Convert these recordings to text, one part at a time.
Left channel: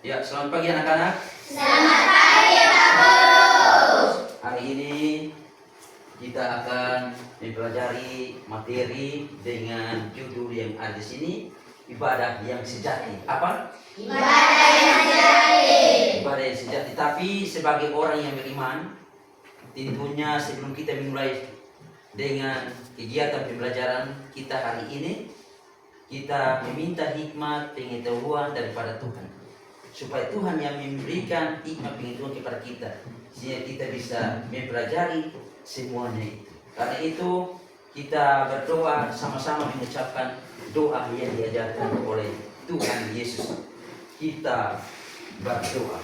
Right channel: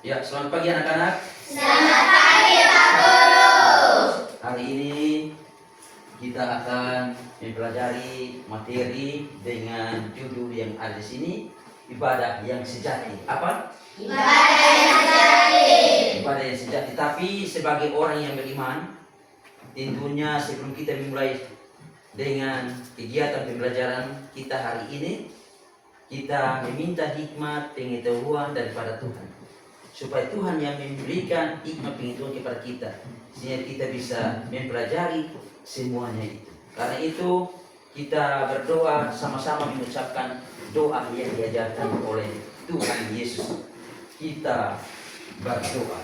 Ya, selamat pagi anak-anak. Selamat pagi Pak Guru. Hari ini kita akan mempelajari materi dengan judul yang ada di sini, ibadah yang sejati. Apa? Ibadah yang sejati. Ibadah yang sejati. Tapi sebagai orang yang beriman, tentunya sebelum kita memulai dengan kegiatan pembelajaran kita hari ini, kita meminta hikmat pengetahuan daripada Tuhan, supaya Tuhan yang memberikan hikmat pengetahuan kepada kita, sehingga kita bisa mempelajari semuanya itu. Karena itu kita berdoa sama-sama mengucapkan doa yang diajarkan oleh Tuhan Yesus. Kita berdoa.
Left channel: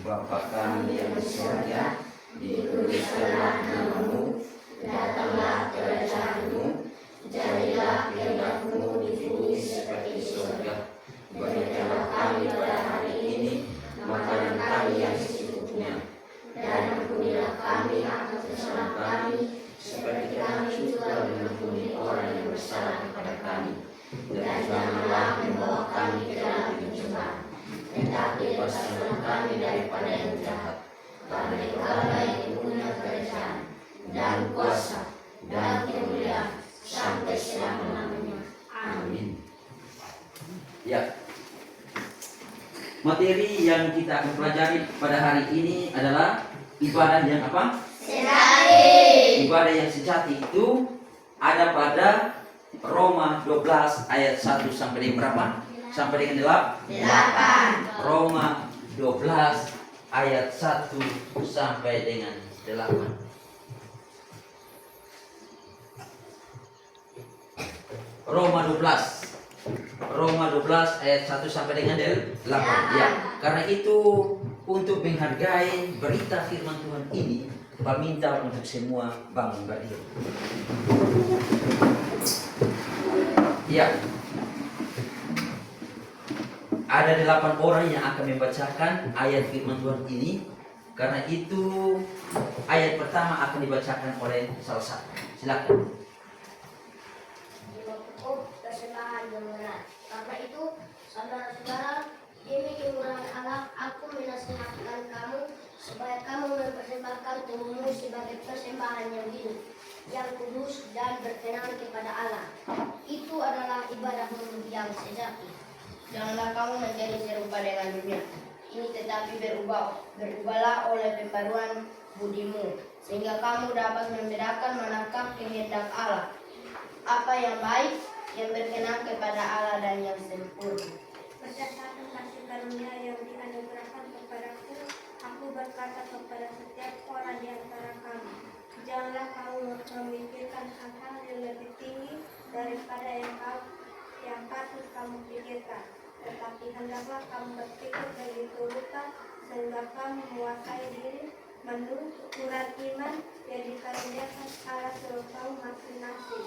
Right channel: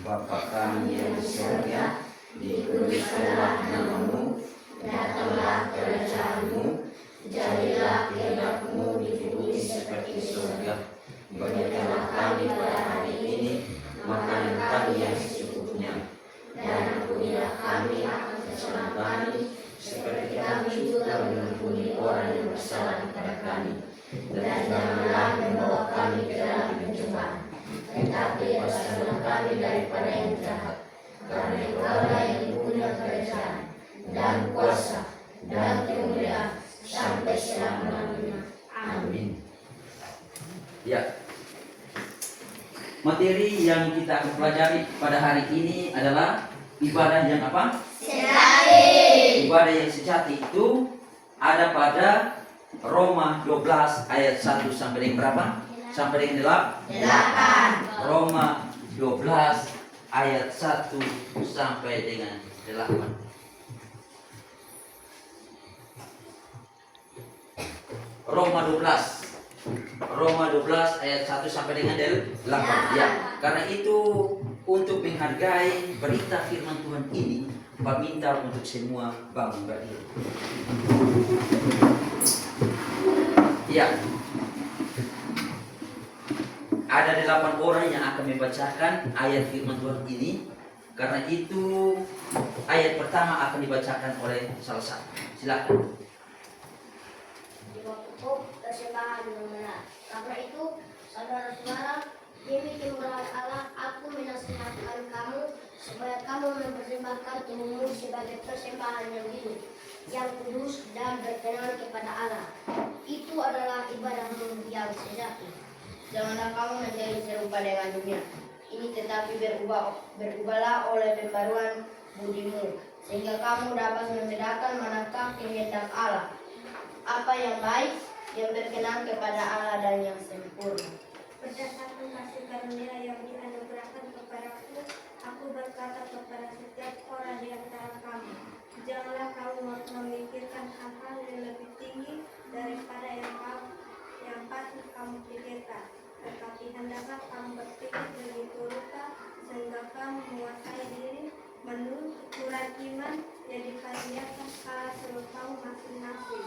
Bapa kami yang di surga, dikuduskanlah namamu, datanglah kerajaanmu, jadilah kehendakmu di bumi seperti surga. Berikanlah kami pada hari ini makanan kami yang secukupnya, dan ampunilah kami atas kesalahan kami, seperti kami juga mengampuni orang yang bersalah kepada kami. Dan janganlah membawa kami ke dalam pencobaan, tetapi bebaskanlah kami daripada yang jahat. Karena Engkaulah yang punya kerajaan dan kuasa dan kemuliaan sampai selama-lamanya. Amin. Ya. Materi yang kita akan pelajari pada hari ini adalah ibadah yang apa? Sejati. Ibadah yang sejati itu ada pada Roma 12 ayat 1 sampai dengan berapa? Sampai dengan 8. Roma 12 ayat 1 sampai dengan 8. Roma 12 ayat 1 sampai dengan 8. Ya, karena itu untuk menghargai berita firman Tuhan ini, Bapak minta untuk semua bangun berdiri. Ya. Ada 8 orang yang akan membacakan ayat firman Tuhan ini. Karena itu ayat pertama akan dibacakan oleh salah satu. Silakan. Persembahan yang benar. Karena itu, saudara-saudara, demi kemurahan Allah, aku menasihatkan kamu supaya kamu mempersembahkan tubuhmu sebagai persembahan yang hidup, yang kudus dan berkenan kepada Allah. Itu adalah ibadahmu yang sejati. Janganlah kamu menjadi serupa dengan dunia ini, tetapi berubahlah oleh pembaruan budimu, sehingga kamu dapat membedakan manakah kehendak Allah, apa yang baik, yang berkenan kepada Allah dan yang sempurna. Berdasarkan kasih karunia yang dianugerahkan kepadaku, aku berkata kepada setiap orang di antara kamu, janganlah kamu memikirkan hal-hal yang lebih tinggi daripada yang patut kamu pikirkan, tetapi hendaklah kamu berpikir begitu rupa sehingga kamu menguasai diri menurut ukuran iman yang dikaruniakan Allah seluruh kamu masing-masing.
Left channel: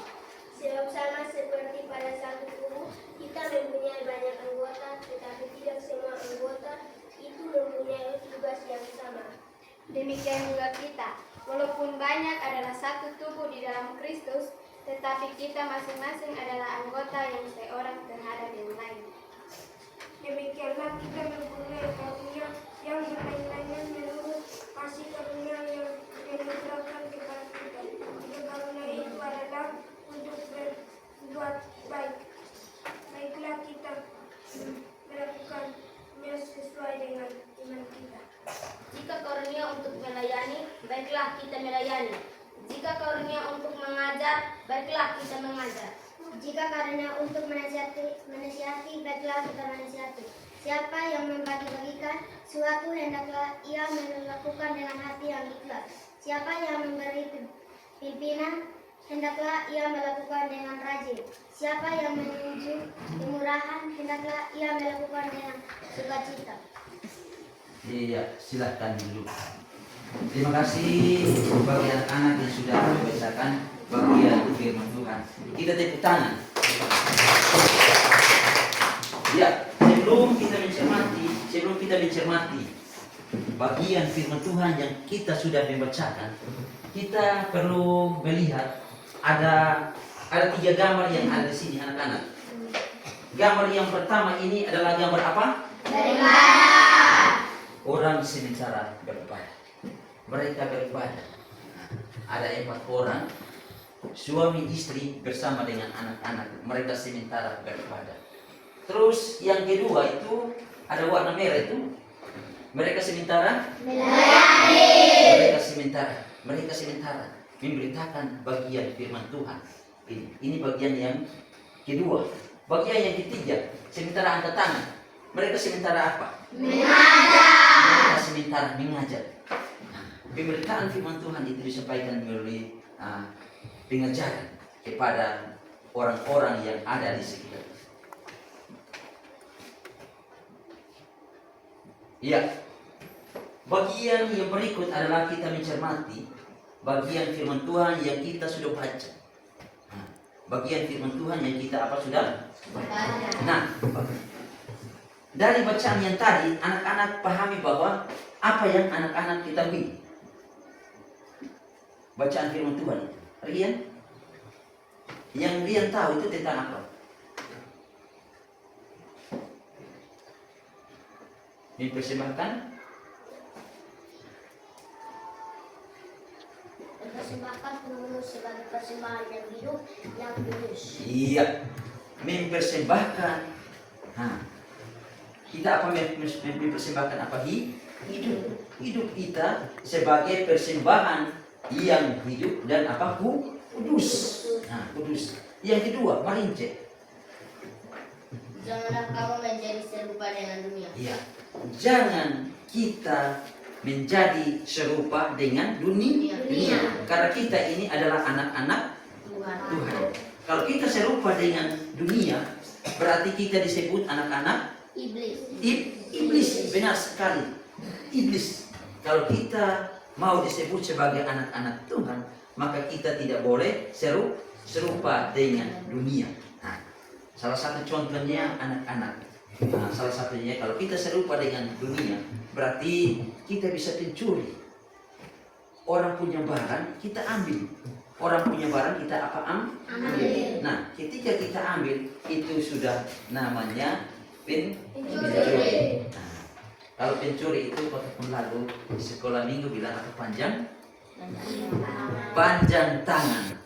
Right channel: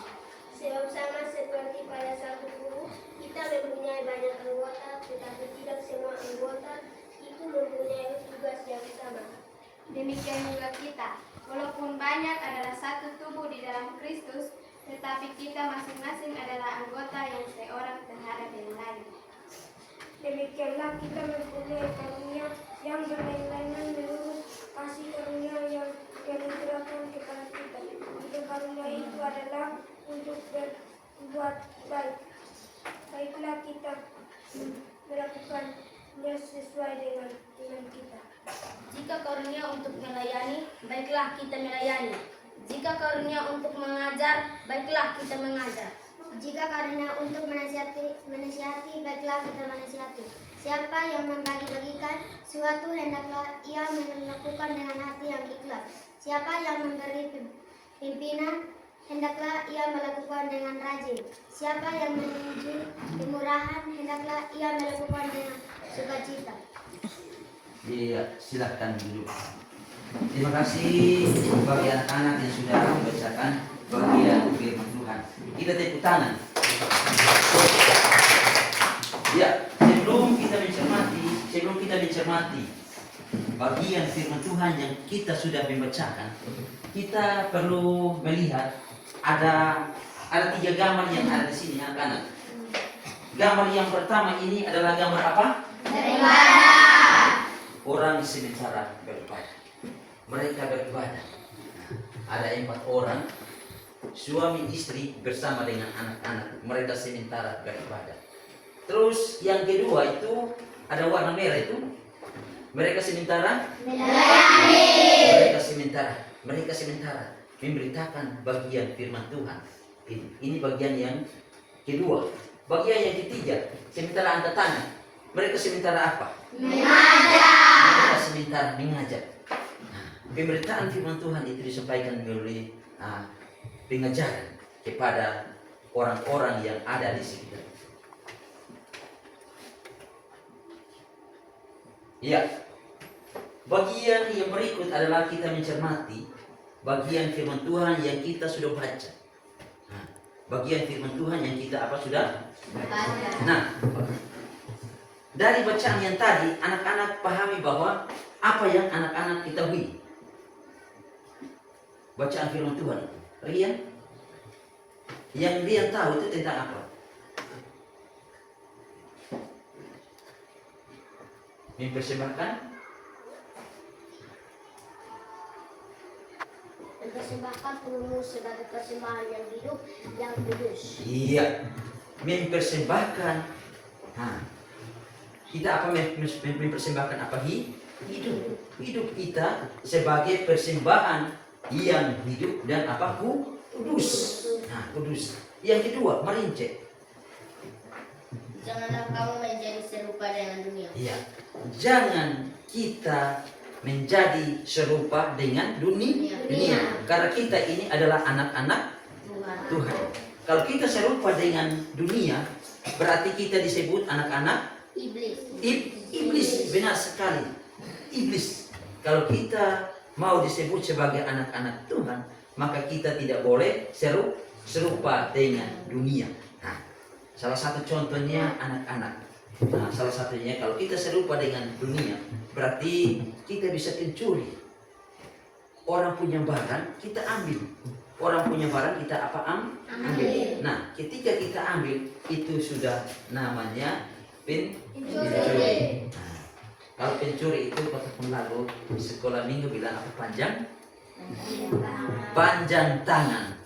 Sebab sama seperti pada satu tubuh, kita mempunyai banyak anggota, tetapi tidak semua anggota itu mempunyai tugas yang sama. Demikian juga kita, walaupun banyak adalah satu tubuh di dalam Kristus, tetapi kita masing-masing adalah anggota yang seorang terhadap yang lain. Demikianlah kita mempunyai karunia yang berlain-lainan menurut kasih karunia yang dianugerahkan kepada kita. Jika karunia itu adalah untuk berbuat baik, baiklah kita melakukannya sesuai dengan iman kita. Jika karunia untuk melayani, baiklah kita melayani. Jika karunia untuk mengajar, baiklah kita mengajar. Jika karunia untuk menasihati, baiklah kita menasihati. Siapa yang membagi-bagikan suatu, hendaklah ia melakukan dengan hati yang ikhlas. Siapa yang memberi pimpinan, hendaklah ia melakukan dengan rajin. Siapa yang menunjuk kemurahan, hendaklah ia melakukan dengan sukacita. Iya, silakan duduk. Terima kasih bagi anak-anak yang sudah membacakan bagian firman Tuhan. Kita tepuk tangan. Ya, sebelum kita mencermati bagian firman Tuhan yang kita sudah membacakan, kita perlu melihat ada 3 gambar yang ada di sini anak-anak. Gambar yang pertama ini adalah gambar apa? Terima lagi sementara beribadah. Mereka beribadah. Ada 4 orang, suami istri bersama dengan anak-anak. Mereka sementara beribadah. Terus yang kedua itu ada warna merah itu. Mereka sementara mereka sementara memberitakan bagian firman Tuhan. Ini bagian yang kedua. Bagian yang ketiga, sementara angkat tangan. Mereka sementara apa? Mereka sementara mengajar. Pemberitaan firman Tuhan itu disampaikan melalui pengajaran kepada orang-orang yang ada di sekitar. Ya, bagian yang berikut adalah kita mencermati bagian firman Tuhan yang kita sudah baca. Bagian firman Tuhan yang kita sudah baca. Nah, dari bacaan yang tadi, anak-anak pahami bahwa apa yang anak-anak ketahui. Bacaan firman Tuhan. Rian? Yang Rian tahu itu tentang apa? Mempersembahkan penuh sebagai persembahan yang hidup yang kudus. Iya, mempersembahkan. Kita apa mempersembahkan apa? Hidup kita sebagai persembahan yang hidup dan apa? Kudus. Kudus. Yang kedua, merinci. Janganlah kamu menjadi serupa dengan dunia. Iya. Jangan kita menjadi serupa dengan dunia. Karena kita ini adalah anak-anak Tuhan. Kalau kita serupa dengan dunia, berarti kita disebut anak-anak iblis. Benar sekali. Iblis. Kalau kita mau disebut sebagai anak-anak Tuhan, maka kita tidak boleh serupa dengan dunia. Salah satu contohnya anak-anak. Salah satunya kalau kita serupa dengan dunia, berarti kita bisa pencuri. Orang punya barang kita ambil. Orang punya barang kita ambil. Nah, ketika kita ambil itu sudah namanya pencuri. Kalau pencuri itu kata lalu di sekolah minggu bilang apa? Panjang tangan.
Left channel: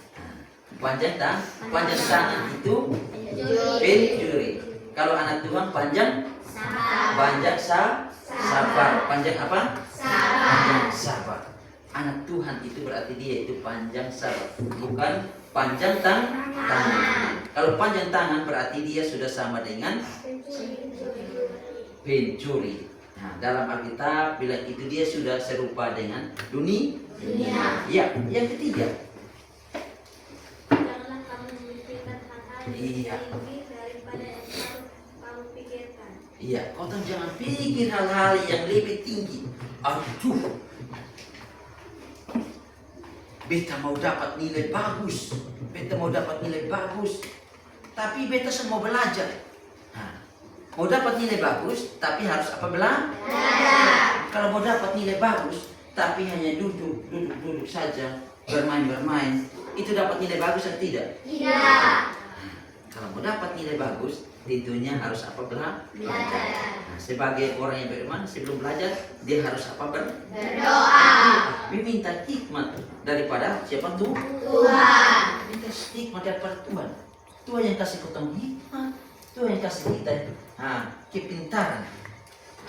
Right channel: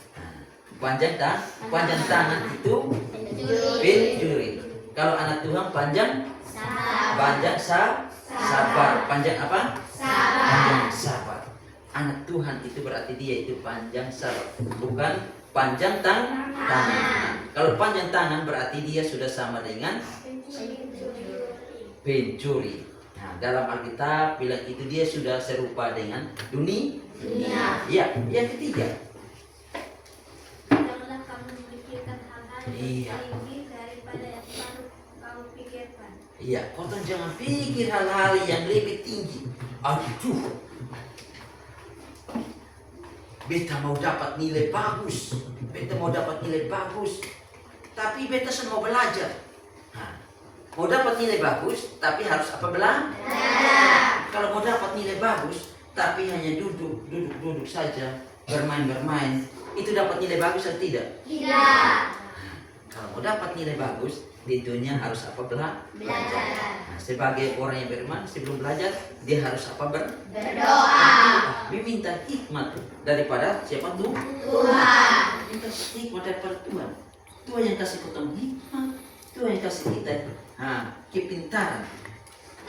Panjang tangan itu pencuri. Kalau anak Tuhan panjang sabar. Panjang apa? Panjang sabar. Anak Tuhan itu berarti dia itu panjang sabar, bukan panjang tangan. Kalau panjang tangan berarti dia sudah sama dengan pencuri. Dalam Alkitab bilang itu dia sudah serupa dengan dunia. Ya, yang ketiga. Janganlah kamu memikirkan hal-hal yang tinggi daripada yang kamu pikirkan. Iya, kau jangan pikir hal-hal yang lebih tinggi. Aduh, beta mau dapat nilai bagus, tapi beta semua belajar. Mau dapat nilai bagus, tapi harus apa? Belajar. Kalau mau dapat nilai bagus, tapi hanya duduk saja, bermain, itu dapat nilai bagus atau tidak? Tidak. Kalau mau dapat nilai bagus, tentunya harus apa? Belajar. Sebagai orang yang beriman, sebelum belajar, dia harus apa? Berdoa. Meminta hikmat daripada siapa? Tuhan. Minta hikmat daripada Tuhan. Tuhan yang kasih ketemu hikmat. Tuhan yang kasih kita kepintaran.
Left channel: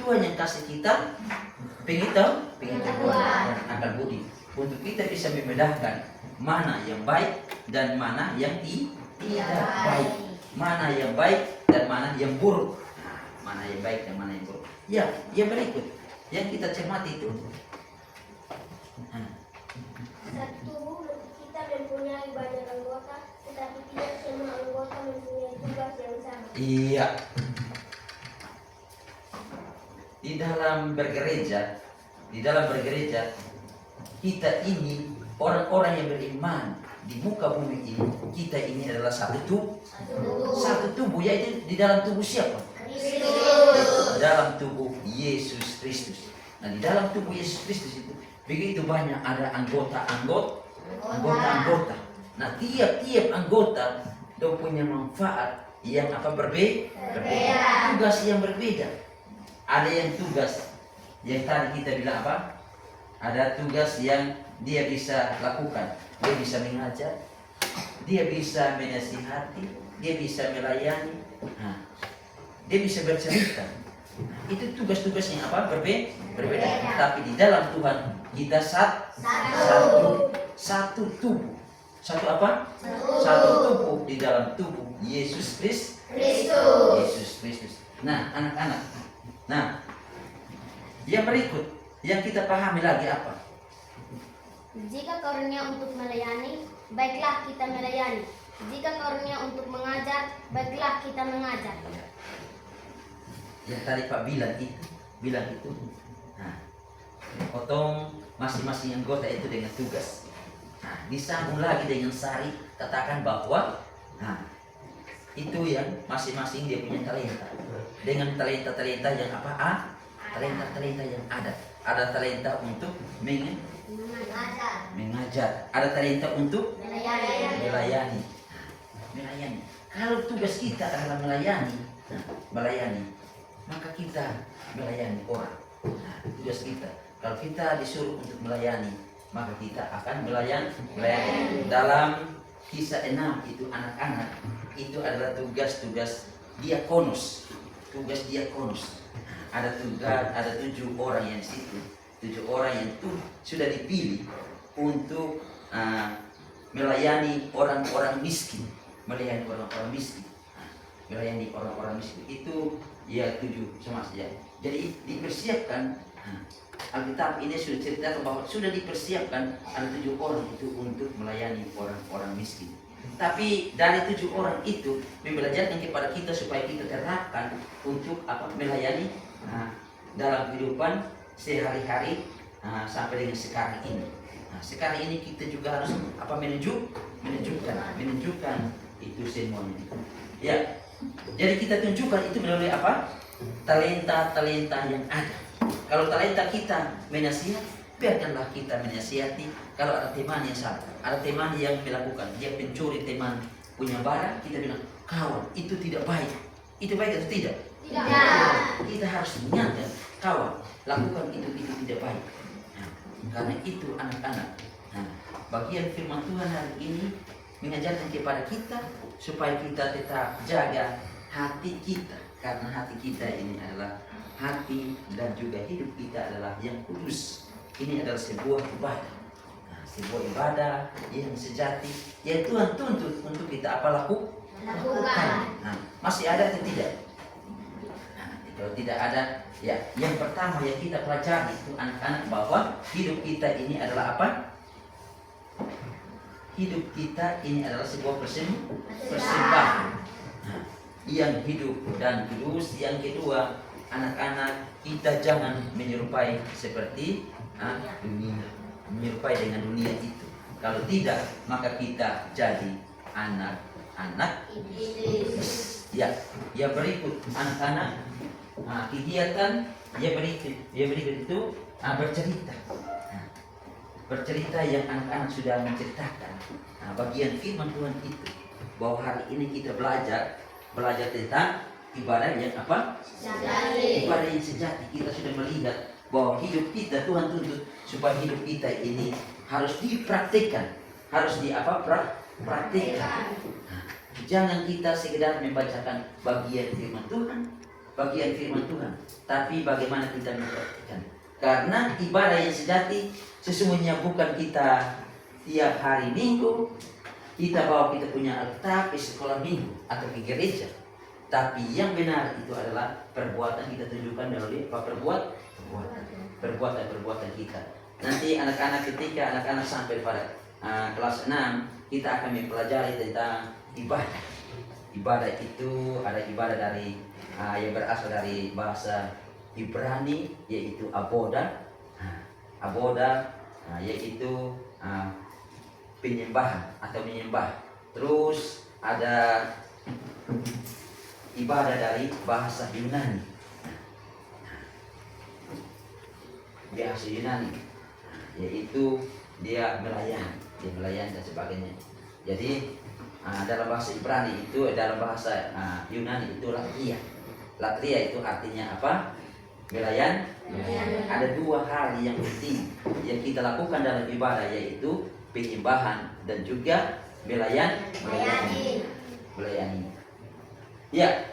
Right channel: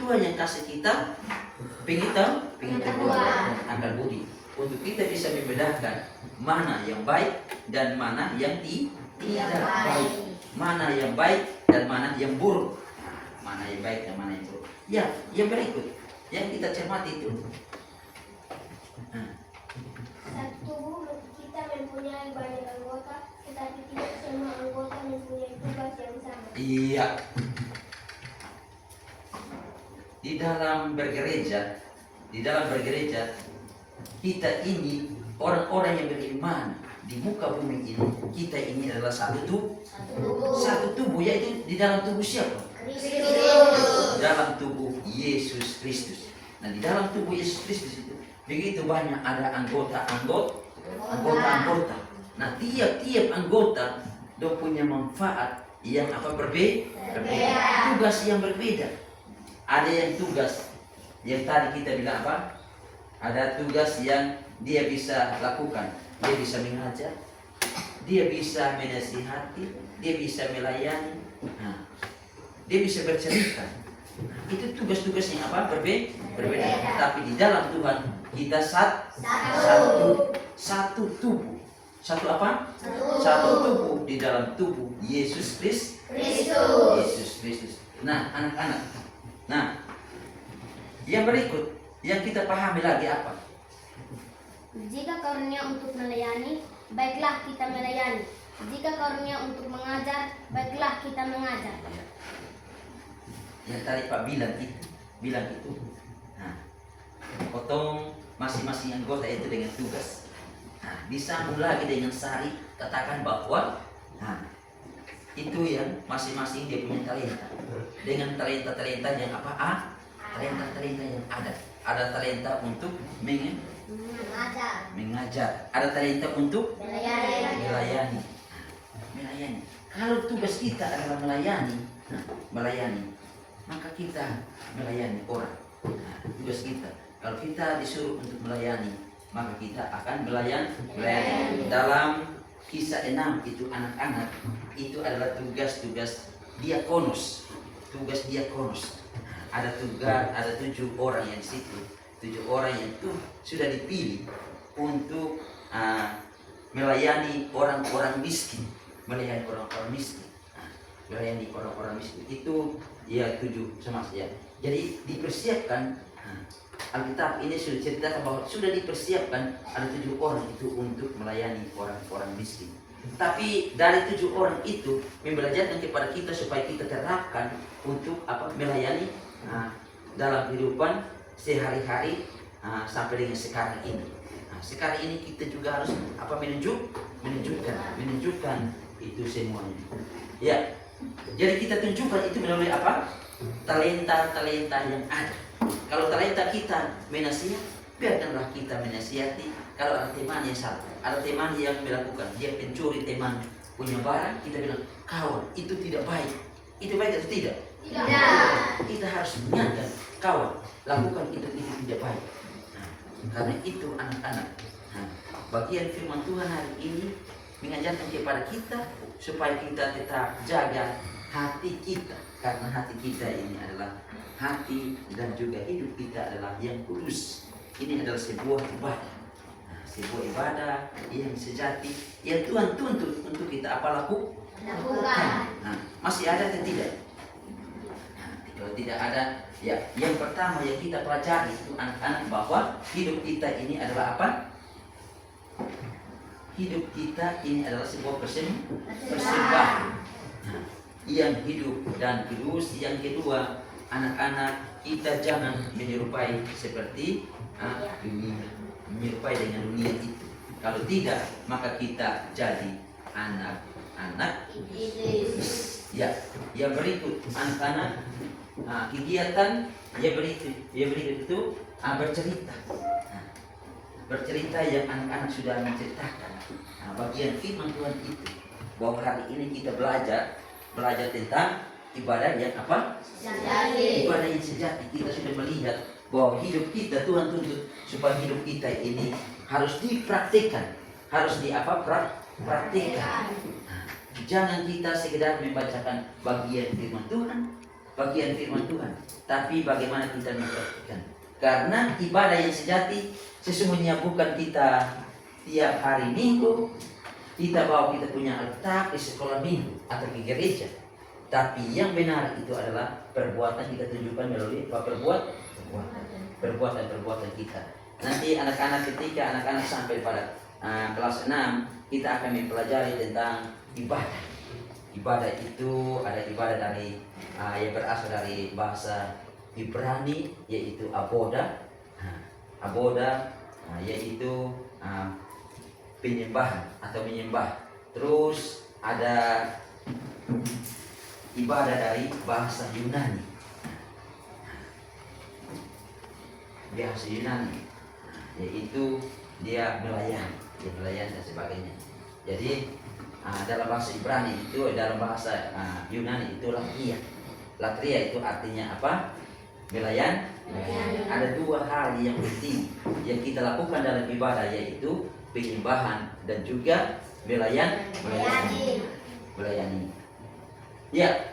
Tuhan yang kasih kita pengetahuan dan akal budi untuk kita bisa membedakan mana yang baik dan mana yang tidak baik, mana yang baik dan mana yang buruk. Mana yang baik dan mana yang buruk. Ya, yang berikut yang kita cermati itu. Satu, kita mempunyai banyak anggota, tetapi tidak semua anggota mempunyai tugas yang sama. Iya. Di dalam bergereja, kita ini orang-orang yang beriman di muka bumi ini, kita ini adalah satu tubuh, yaitu di dalam tubuh siapa? Kristus. Dalam tubuh Yesus Kristus. Nah, di dalam tubuh Yesus Kristus itu begitu banyak ada anggota. Nah, tiap anggota dong punya manfaat yang apa? Berbeda. Tugas yang berbeda. Ada yang tugas Yang tadi kita bilang apa? Ada tugas yang dia bisa lakukan. Dia bisa mengajar, dia bisa menasihati, dia bisa melayani, dia bisa bercerita. Itu tugas-tugas yang apa? Berbeda. Tapi di dalam Tuhan kita satu tubuh. Satu apa? Satu tubuh di dalam tubuh Yesus Kristus. Yesus Kristus. Nah, anak-anak. Nah, yang berikut yang kita pahami lagi apa? Jika karunia untuk melayani, baiklah kita melayani. Jika karunia untuk mengajar, baiklah kita mengajar. Yang tadi Pak bilang itu. Nah, potong masing-masing anggota itu dengan tugas. Nah, disambung lagi dengan sari, katakan bahwa itu yang masing-masing dia punya talenta. Dengan talenta-talenta yang apa? Talenta-talenta yang ada. Ada talenta untuk mengajar. Ada talenta untuk melayani. Melayani. Kalau tugas kita adalah melayani, maka kita melayani orang. Tugas kita. Kalau kita disuruh untuk melayani, maka kita akan melayani. Dalam Kisah 6 itu anak-anak itu adalah tugas-tugas diakonus. Tugas diakonus. Ada 7 orang yang di situ. 7 orang yang itu sudah dipilih untuk melayani orang-orang miskin. Melayani orang-orang miskin. Melayani orang-orang miskin. Itu ya 7 sama saja. Jadi dipersiapkan. Alkitab ini sudah ceritakan bahwa sudah dipersiapkan ada 7 orang itu untuk melayani orang-orang miskin. Tapi dari 7 orang itu membelajarkan kepada kita supaya kita terapkan untuk apa? Melayani dalam kehidupan sehari-hari sampai dengan sekarang ini. Sekarang ini kita juga harus apa? Menunjukkan itu semuanya. Ya. Jadi kita tunjukkan itu melalui apa? Talenta-talenta yang ada. Kalau talenta kita menasihat, biarkanlah kita menasihati. Kalau ada teman yang salah, ada teman yang melakukan, dia pencuri teman punya barang, kita bilang, kawan, itu tidak baik. Itu baik atau tidak? Tidak. Kita harus mengingatkan, kawan, lakukan itu tidak baik. Karena itu anak-anak. Bagian firman Tuhan hari ini mengajarkan kepada kita supaya kita tetap jaga hati kita. Karena hati kita ini adalah hati dan juga hidup kita adalah yang kudus. Ini adalah sebuah ibadah. Sebuah ibadah yang sejati yang Tuhan tuntut untuk kita apa lakukan. Masih ada atau tidak? Kalau tidak ada, ya yang pertama yang kita pelajari itu anak-anak bahwa hidup kita ini adalah apa? Hidup kita ini adalah sebuah persembahan. Yang hidup dan kudus. Yang kedua, anak-anak kita jangan menyerupai seperti dunia, menyerupai dengan dunia itu. Kalau tidak, maka kita jadi anak-anak ya. Yang berikut anak-anak kegiatan yang berikut itu bercerita. Bercerita yang anak-anak sudah menceritakan. Bagian firman Tuhan itu bahwa hari ini kita belajar tentang ibadah yang apa? Sejati. Ibadah yang sejati. Kita sudah melihat bahwa hidup kita Tuhan tuntut supaya hidup kita ini harus dipraktikkan, harus praktikkan. Jangan kita sekedar membacakan bagian firman Tuhan, tapi bagaimana kita mempraktikkan. Karena ibadah yang sejati sesungguhnya bukan kita tiap hari Minggu kita bawa kita punya Alkitab ke sekolah minggu atau ke gereja. Tapi yang benar itu adalah perbuatan kita tunjukkan melalui perbuatan kita. Nanti anak-anak ketika anak-anak sampai pada kelas 6 kita akan mempelajari tentang ibadah. Ibadah itu ada ibadah dari yang berasal dari bahasa Ibrani yaitu aboda. Aboda yaitu penyembahan atau menyembah. Terus ada ibadah dari bahasa Yunani. Bahasa Yunani yaitu dia melayani dan sebagainya. Jadi dalam bahasa Ibrani itu, dalam bahasa Yunani itu latria. Latria itu artinya apa? melayani. Ada dua hal yang penting yang kita lakukan dalam ibadah, yaitu penyembahan dan juga melayani. Ya,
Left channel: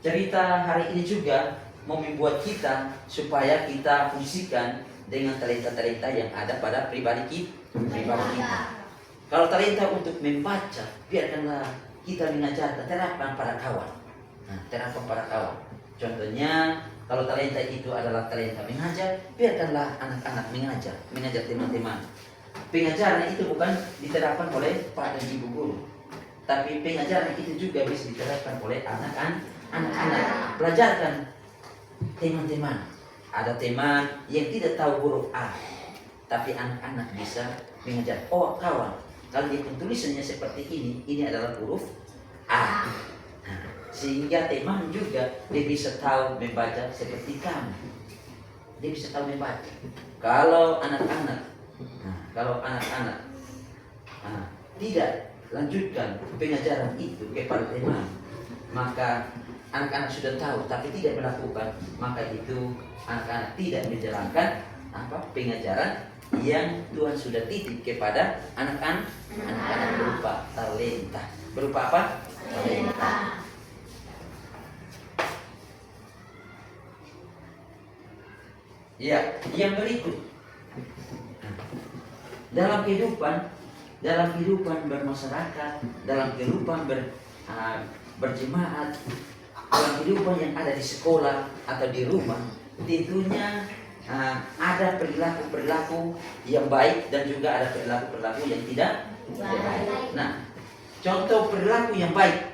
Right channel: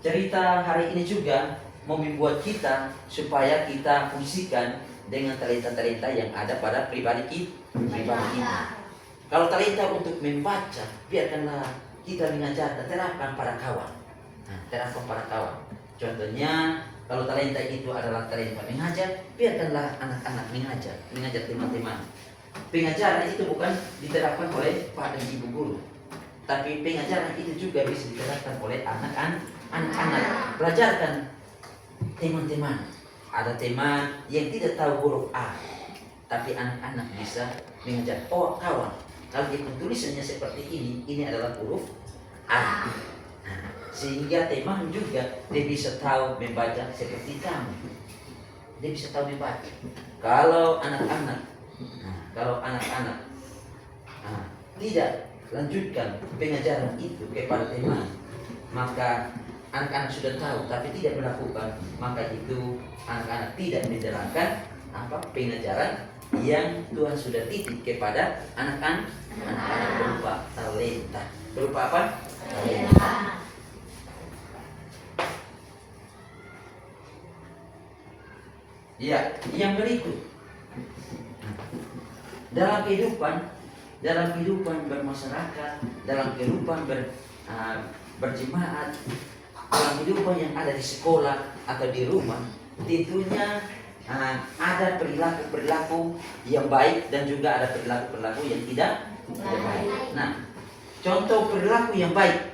cerita hari ini juga mau membuat kita supaya kita fungsikan dengan talenta-talenta yang ada pada pribadi kita. Kalau talenta untuk membaca, biarkanlah kita mengajarkan, terapkan pada kawan. Terapkan pada kawan. Contohnya, kalau talenta itu adalah talenta mengajar, biarkanlah anak-anak mengajar teman-teman. Pengajaran itu bukan diterapkan oleh Pak dan Ibu guru, tapi pengajaran itu juga bisa diterapkan oleh anak-anak. Belajarkan teman-teman. Ada teman yang tidak tahu huruf A, tapi anak-anak bisa mengajar. Oh kawan, kalau dia tulisannya seperti ini adalah huruf A. Sehingga teman juga dia bisa tahu membaca seperti kamu. Dia bisa tahu membaca. Kalau anak-anak tidak lanjutkan pengajaran itu kepada teman, maka anak-anak sudah tahu tapi tidak melakukan, maka itu anak-anak tidak menjalankan pengajaran yang Tuhan sudah titip kepada anak-anak berupa talenta. Berupa apa? Talenta. Ya, yang berikut, dalam kehidupan bermasyarakat, dalam kehidupan berjemaat, dalam kehidupan yang ada di sekolah atau di rumah, tentunya ada perilaku yang baik dan juga ada perilaku yang tidak baik. Nah, contoh perilaku yang baik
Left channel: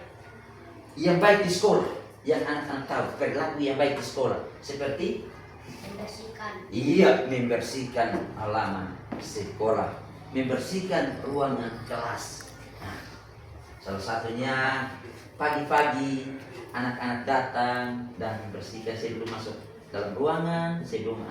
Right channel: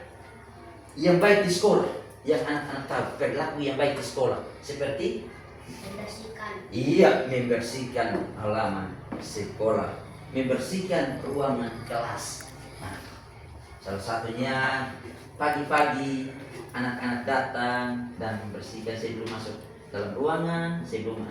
di sekolah, yang anak-anak tahu perilaku yang baik di sekolah seperti membersihkan halaman sekolah, membersihkan ruangan kelas. Salah satunya pagi-pagi anak-anak datang dan membersihkan sebelum masuk dalam ruangan, sebelum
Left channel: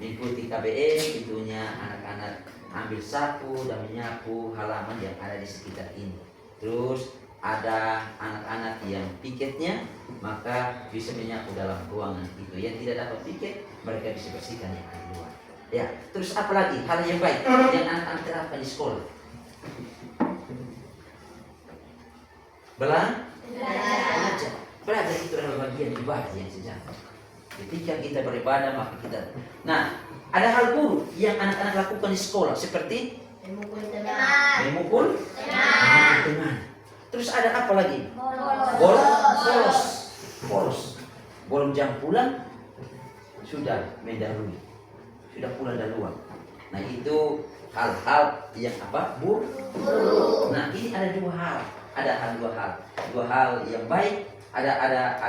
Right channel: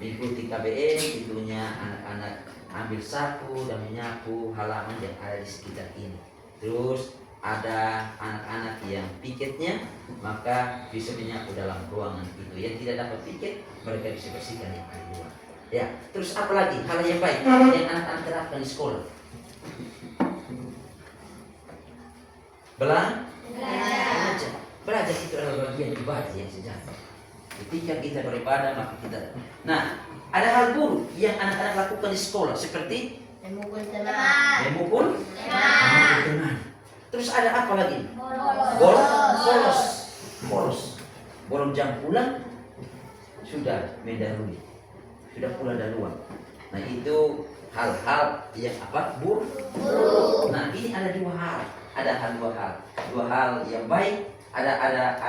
mengikuti KBM, tentunya anak-anak ambil sapu dan menyapu halaman yang ada di sekitar ini. Terus ada anak-anak yang piketnya, maka bisa menyapu dalam ruangan itu. Yang tidak dapat piket, mereka bisa bersihkan yang di luar. Ya, terus apa lagi hal yang baik yang anak-anak terapkan di sekolah? Belajar itu adalah bagian ibadah yang sejati. Ketika kita beribadah, maka kita. Nah, ada hal buruk yang anak-anak lakukan di sekolah seperti memukul teman. Terus ada apa lagi? Bolos. Belum jam pulang sudah mendahului, sudah pulang duluan. Nah, itu hal-hal yang buruk. Nah, ini ada dua hal. Dua hal yang baik. Ada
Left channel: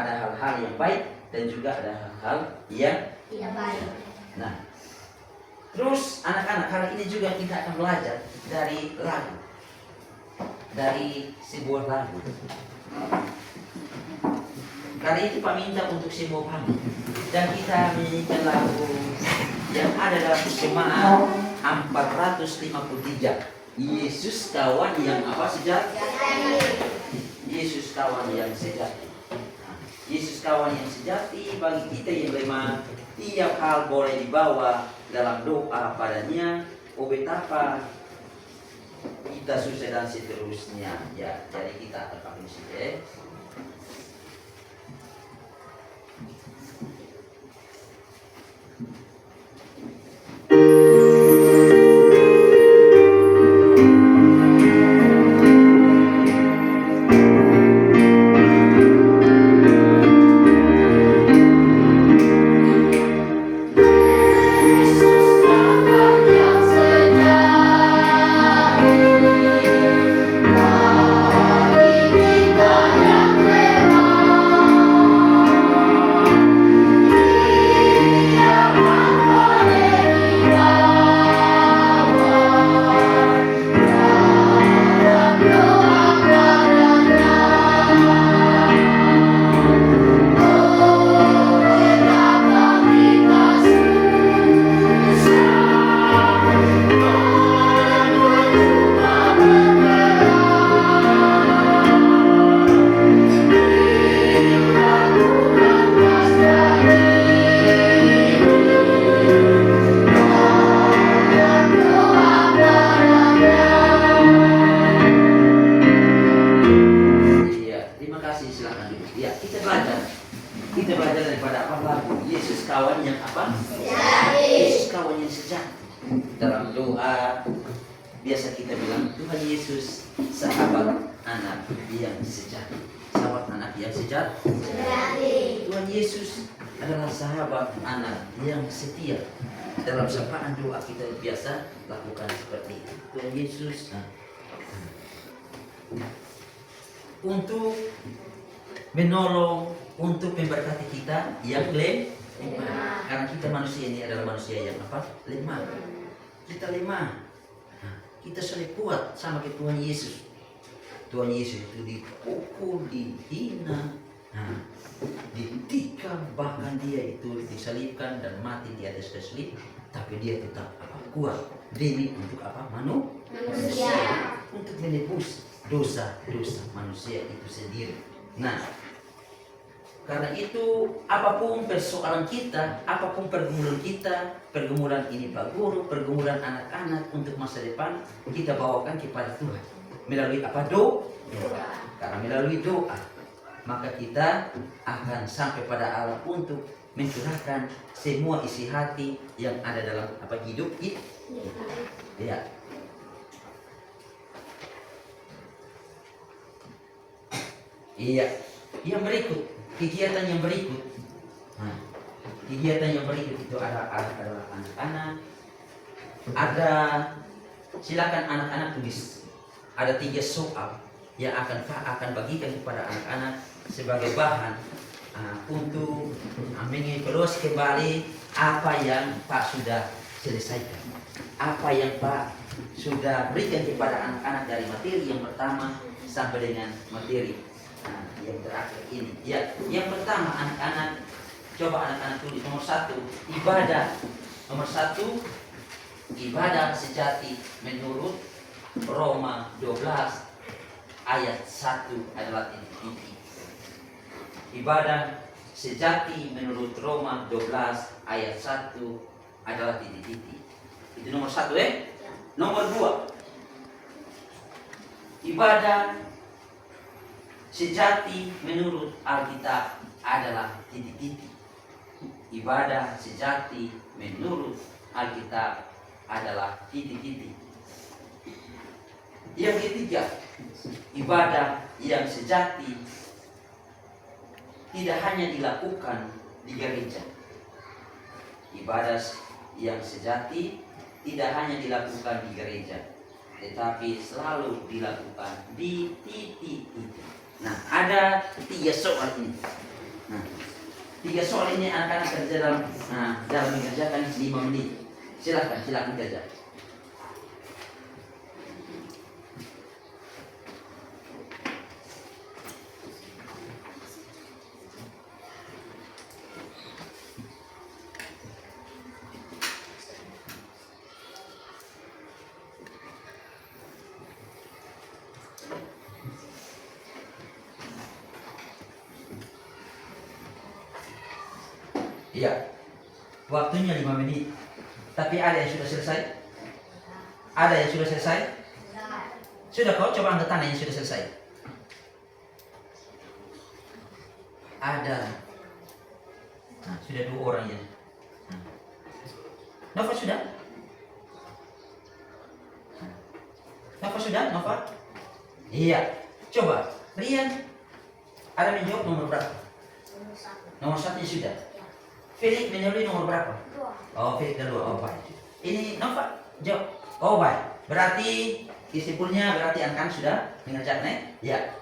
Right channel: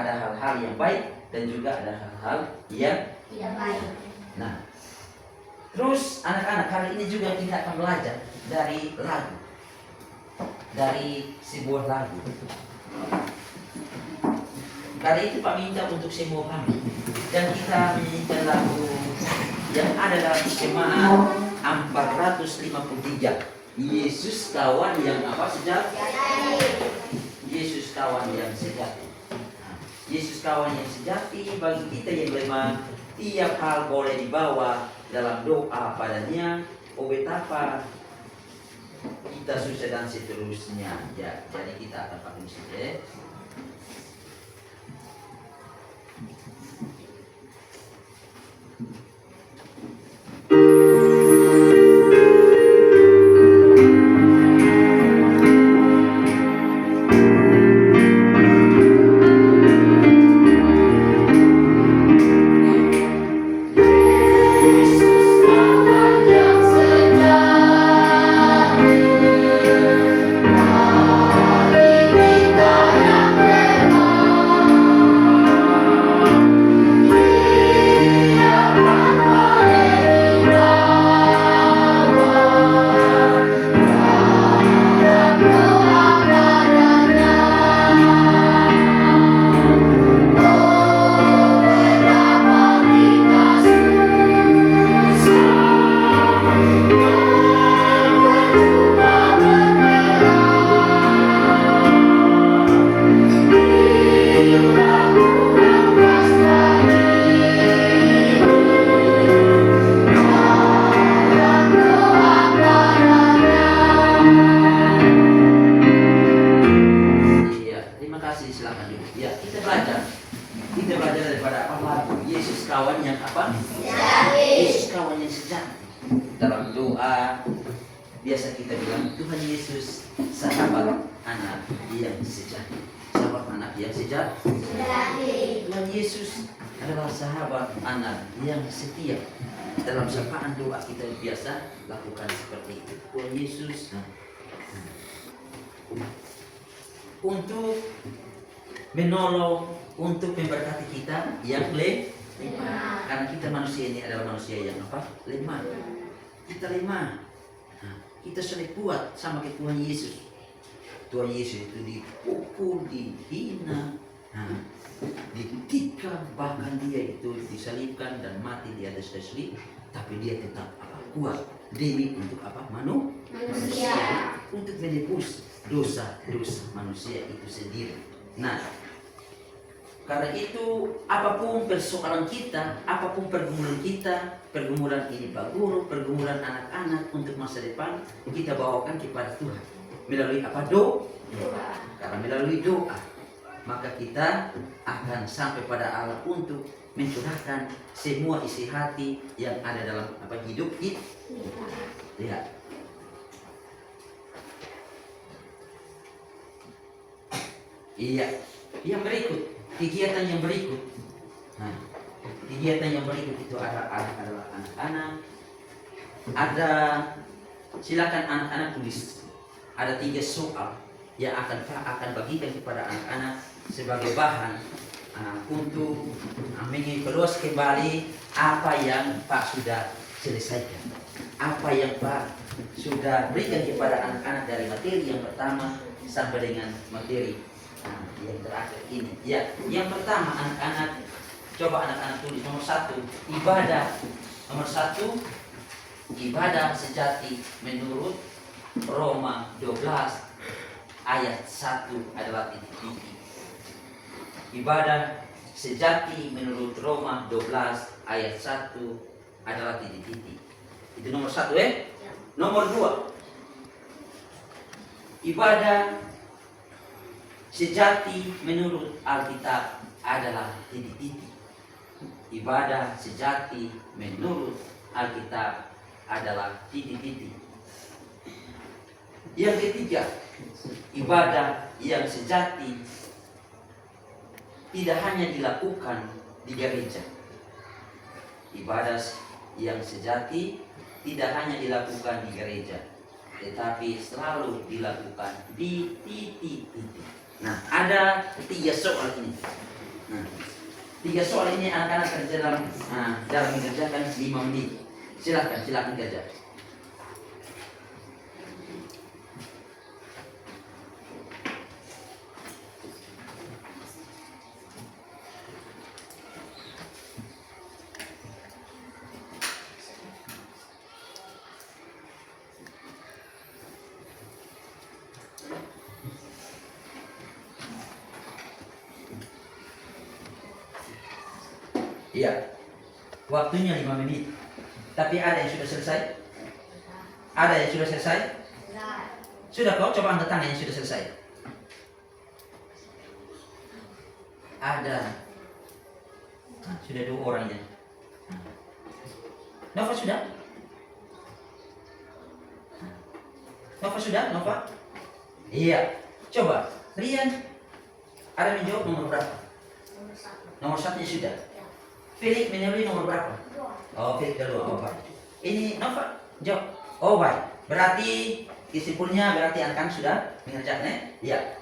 hal-hal yang baik dan juga ada hal-hal yang Tidak baik. Nah, terus anak-anak hari ini juga kita akan belajar dari lagu, dari sebuah lagu. Kali itu Pak minta untuk semua kami, dan kita menyanyikan lagu yang ada dalam jemaat 453. Yesus kawan yang sejati. Yesus kawan yang sejati. Yesus kawan yang sejati bagi kita yang beriman. Tiap hal boleh dibawa dalam doa padanya. Oh betapa kita susah dan seterusnya. Ya, jadi kita akan pakai di situ. Kita ada apa lagu Yesus kawan yang apa? Sejati. Yesus kawan yang sejati. Dalam doa biasa kita bilang Tuhan Yesus sahabat anak yang sejati. Sahabat anak yang sejati. Sejati. Tuhan Yesus adalah sahabat anak yang setia. Dalam sapaan doa kita biasa lakukan seperti itu. Tuhan Yesus untuk menolong, untuk memberkati kita yang lemah. Karena kita manusia ini adalah manusia yang apa? Lemah. Kita lemah. Kita sulit kuat sama ke Tuhan Yesus. Tuhan Yesus itu dipukul, dihina, ditikam, bahkan dia itu disalibkan dan mati di atas kayu salib, tapi dia tetap apa? Kuat demi untuk apa? Manusia. Untuk menebus dosa-dosa manusia itu sendiri. Nah, karena itu apapun persoalan kita, apapun pergumulan kita, pergumulan ini Pak Guru, pergumulan anak-anak untuk masa depan, kita bawakan kepada Tuhan melalui apa? Doa. Karena melalui doa maka kita akan sampai pada Allah untuk mencurahkan semua isi hati yang ada dalam apa? Hidup kita. Ya. Iya. Yang berikut, kegiatan yang berikut. Kegiatan yang berikut itu adalah anak-anak. Ada, silakan anak-anak tulis. Ada 3 soal yang akan bagikan kepada anak-anak sebagai bahan untuk mengevaluasi kembali apa yang Pak sudah selesaikan, apa yang Pak sudah berikan kepada anak-anak dari materi yang pertama sampai dengan materi yang terakhir ini. Ya, yang pertama anak-anak, coba anak-anak tulis nomor 1, ibadah. Nomor 1, ibadah sejati menurut Roma 12 ayat 1 adalah titik-titik. Ibadah sejati menurut Roma 12 ayat 1 adalah titik-titik. Itu nomor 1 Nomor 2, ibadah sejati menurut Alkitab adalah titik-titik. Ibadah sejati menurut Alkitab adalah titik-titik. Yang ketiga, ibadah yang sejati tidak hanya dilakukan di gereja. Ibadah yang sejati tidak hanya dilakukan di gereja, tetapi selalu dilakukan di titik-titik. Nah, ada 3 soal ini. 3 soal ini anak-anak kerja dalam mengerjakan 5 menit. Silakan kerja. Iya, waktunya 5 menit. Tapi ada yang sudah selesai? Ada yang sudah selesai? Sudah kau coba angkat tangan yang sudah selesai. Ada. Sudah 2 orang ya. Nova sudah? Nova sudah? Nova? Iya. Coba, Rian. Ada menjawab nomor berapa? Nomor 1 sudah. Felix menyuruh nomor berapa? 2. Oh, Felix dulu. Oh, baik. Ini Nova jawab. Oh, baik. Berarti kesimpulannya berarti anak-anak sudah mengerjakan ya.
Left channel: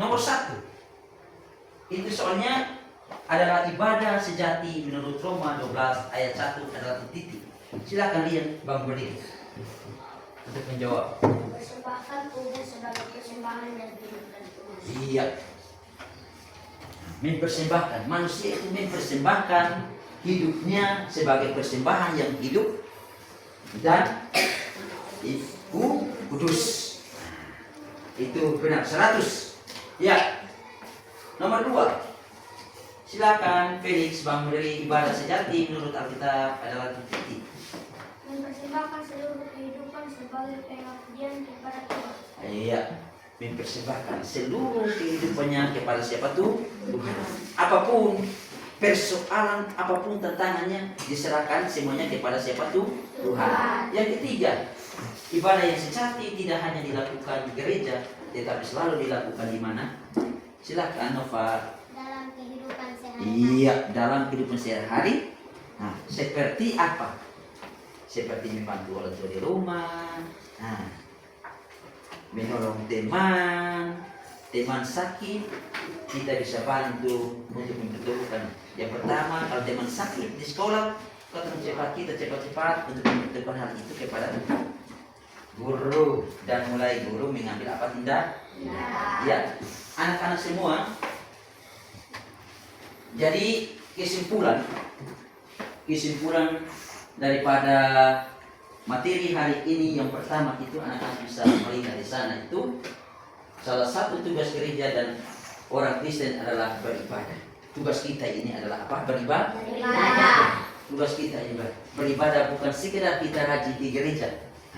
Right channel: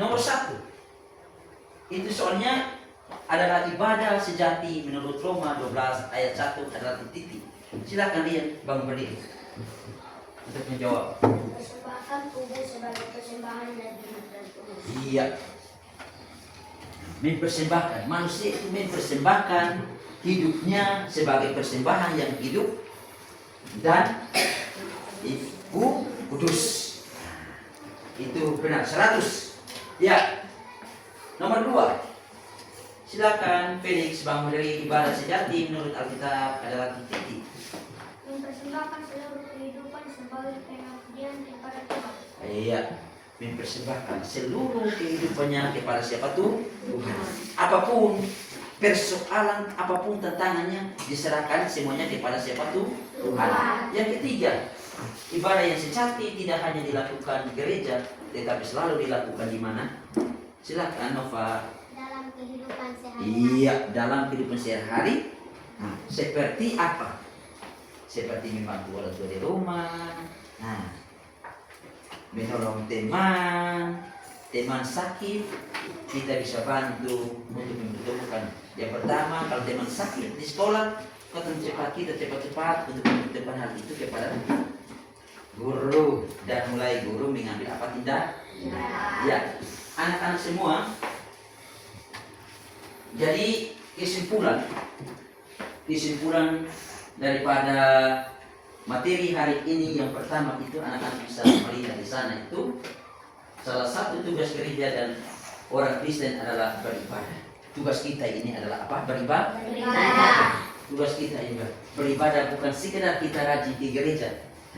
Nomor 1. Itu soalnya adalah ibadah sejati menurut Roma 12 ayat 1 adalah titik. Silakan Rian bangun berdiri untuk menjawab. Persembahkan tubuh sebagai persembahan yang hidup dan tulus. Iya. Mempersembahkan, manusia itu mempersembahkan hidupnya sebagai persembahan yang hidup dan itu kudus. Itu benar 100. Ya. Nomor 2. Silakan Felix bangun dari ibadah sejati menurut Alkitab adalah titik. Mempersembahkan seluruh kehidupan sebagai pengabdian kepada Tuhan. Iya. Mempersembahkan seluruh kehidupannya kepada siapa tuh? Tuhan. Apapun persoalan apapun tantangannya diserahkan semuanya kepada siapa tuh? Tuhan. Yang ketiga, ibadah yang sejati tidak hanya dilakukan di gereja, tetapi selalu dilakukan di mana? Silakan Nova. Dalam kehidupan sehari-hari. Iya, dalam kehidupan sehari-hari. Nah, seperti apa? Seperti membantu orang tua di rumah, nah, menolong teman sakit, kita bisa bantu untuk membutuhkan. Yang pertama, kalau teman sakit di sekolah, kita cepat-cepat untuk membutuhkan hal itu kepada guru, dan mulai guru mengambil apa tindak? Ya, anak-anak semua. Jadi kesimpulan daripada materi hari ini yang pertama itu anak-anak bisa melihat di sana itu salah satu tugas gereja dan orang Kristen adalah beribadah. Tugas kita ini adalah apa? Beribadah. Tugas kita ini beribadah, bukan sekedar kita rajin di gereja.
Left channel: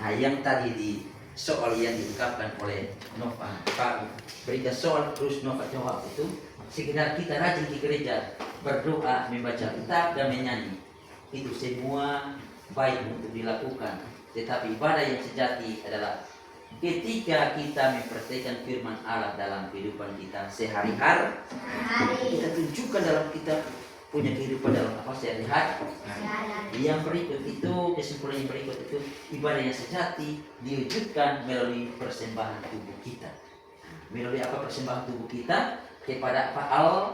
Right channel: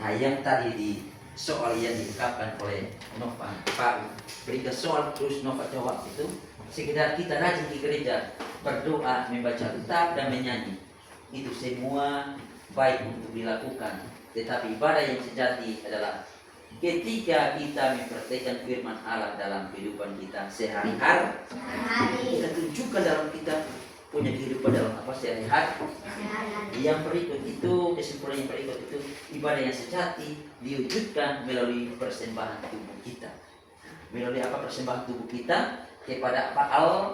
Nah, yang tadi di soal yang diungkapkan oleh Nova, Pak berikan soal terus Nova jawab itu sekedar kita rajin di gereja, berdoa, membaca kitab dan menyanyi. Itu semua baik untuk dilakukan, tetapi ibadah yang sejati adalah ketika kita mempraktikkan firman Allah dalam kehidupan kita sehari-hari. Kita tunjukkan dalam kita punya kehidupan dalam apa sehari-hari. Yang berikut itu, kesimpulan yang berikut itu, ibadah yang sejati diwujudkan melalui persembahan tubuh kita. Melalui apa persembahan tubuh kita? Kepada apa? Allah.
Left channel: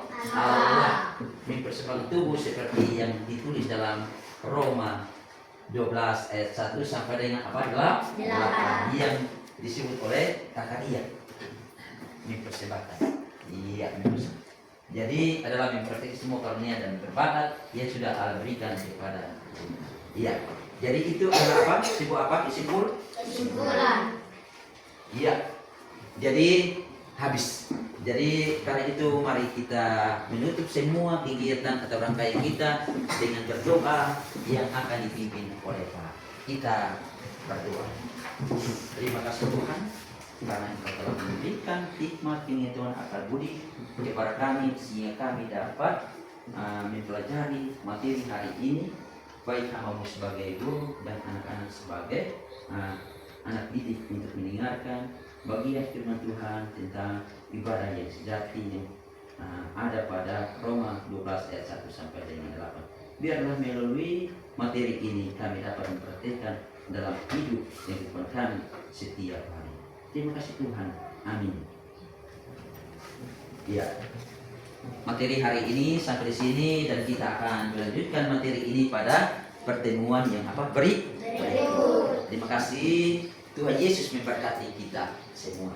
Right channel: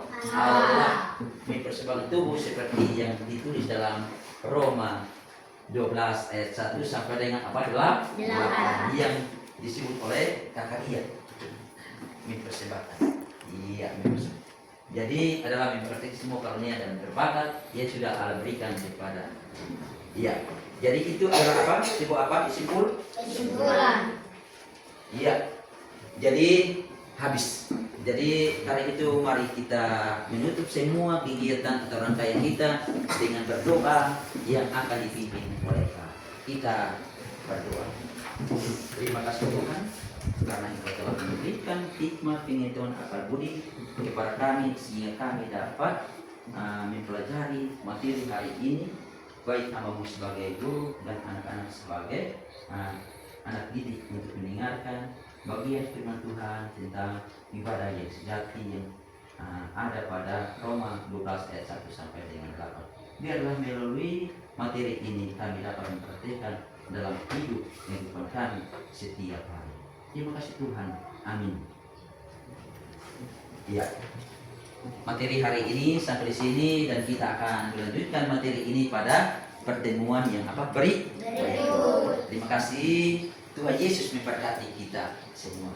Mempersembahkan tubuh seperti yang ditulis dalam Roma 12 ayat 1 sampai dengan apa? 8 yang disebut oleh kakak dia. Mempersembahkan. Iya, mempersembahkan. Jadi adalah mempraktikkan semua karunia dan berbakat yang sudah Allah berikan kepada. Iya. Jadi itu adalah apa? Sebuah apa? Kesimpulan. Iya. Jadi habis. Jadi kali itu mari kita menutup semua kegiatan atau rangkaian kita dengan berdoa yang akan dipimpin oleh Pak. Kita berdoa. Terima kasih Tuhan karena Engkau telah memberikan hikmat pengetahuan akal budi kepada kami sehingga kami dapat mempelajari materi hari ini, baik hamba-Mu sebagai guru dan anak-anak sebagai anak didik untuk mendengarkan bagian firman Tuhan tentang ibadah yang sejati yang ada pada Roma 12 ayat 1 sampai dengan 8. Biarlah melalui materi ini kami dapat mempraktikkan dalam hidup kehidupan kami setiap hari. Terima kasih Tuhan. Amin. Ya. Materi hari ini sampai di sini dan kita akan melanjutkan materi ini pada pertemuan yang apa? Berikut. Terima kasih. Tuhan Yesus memberkati kita semua.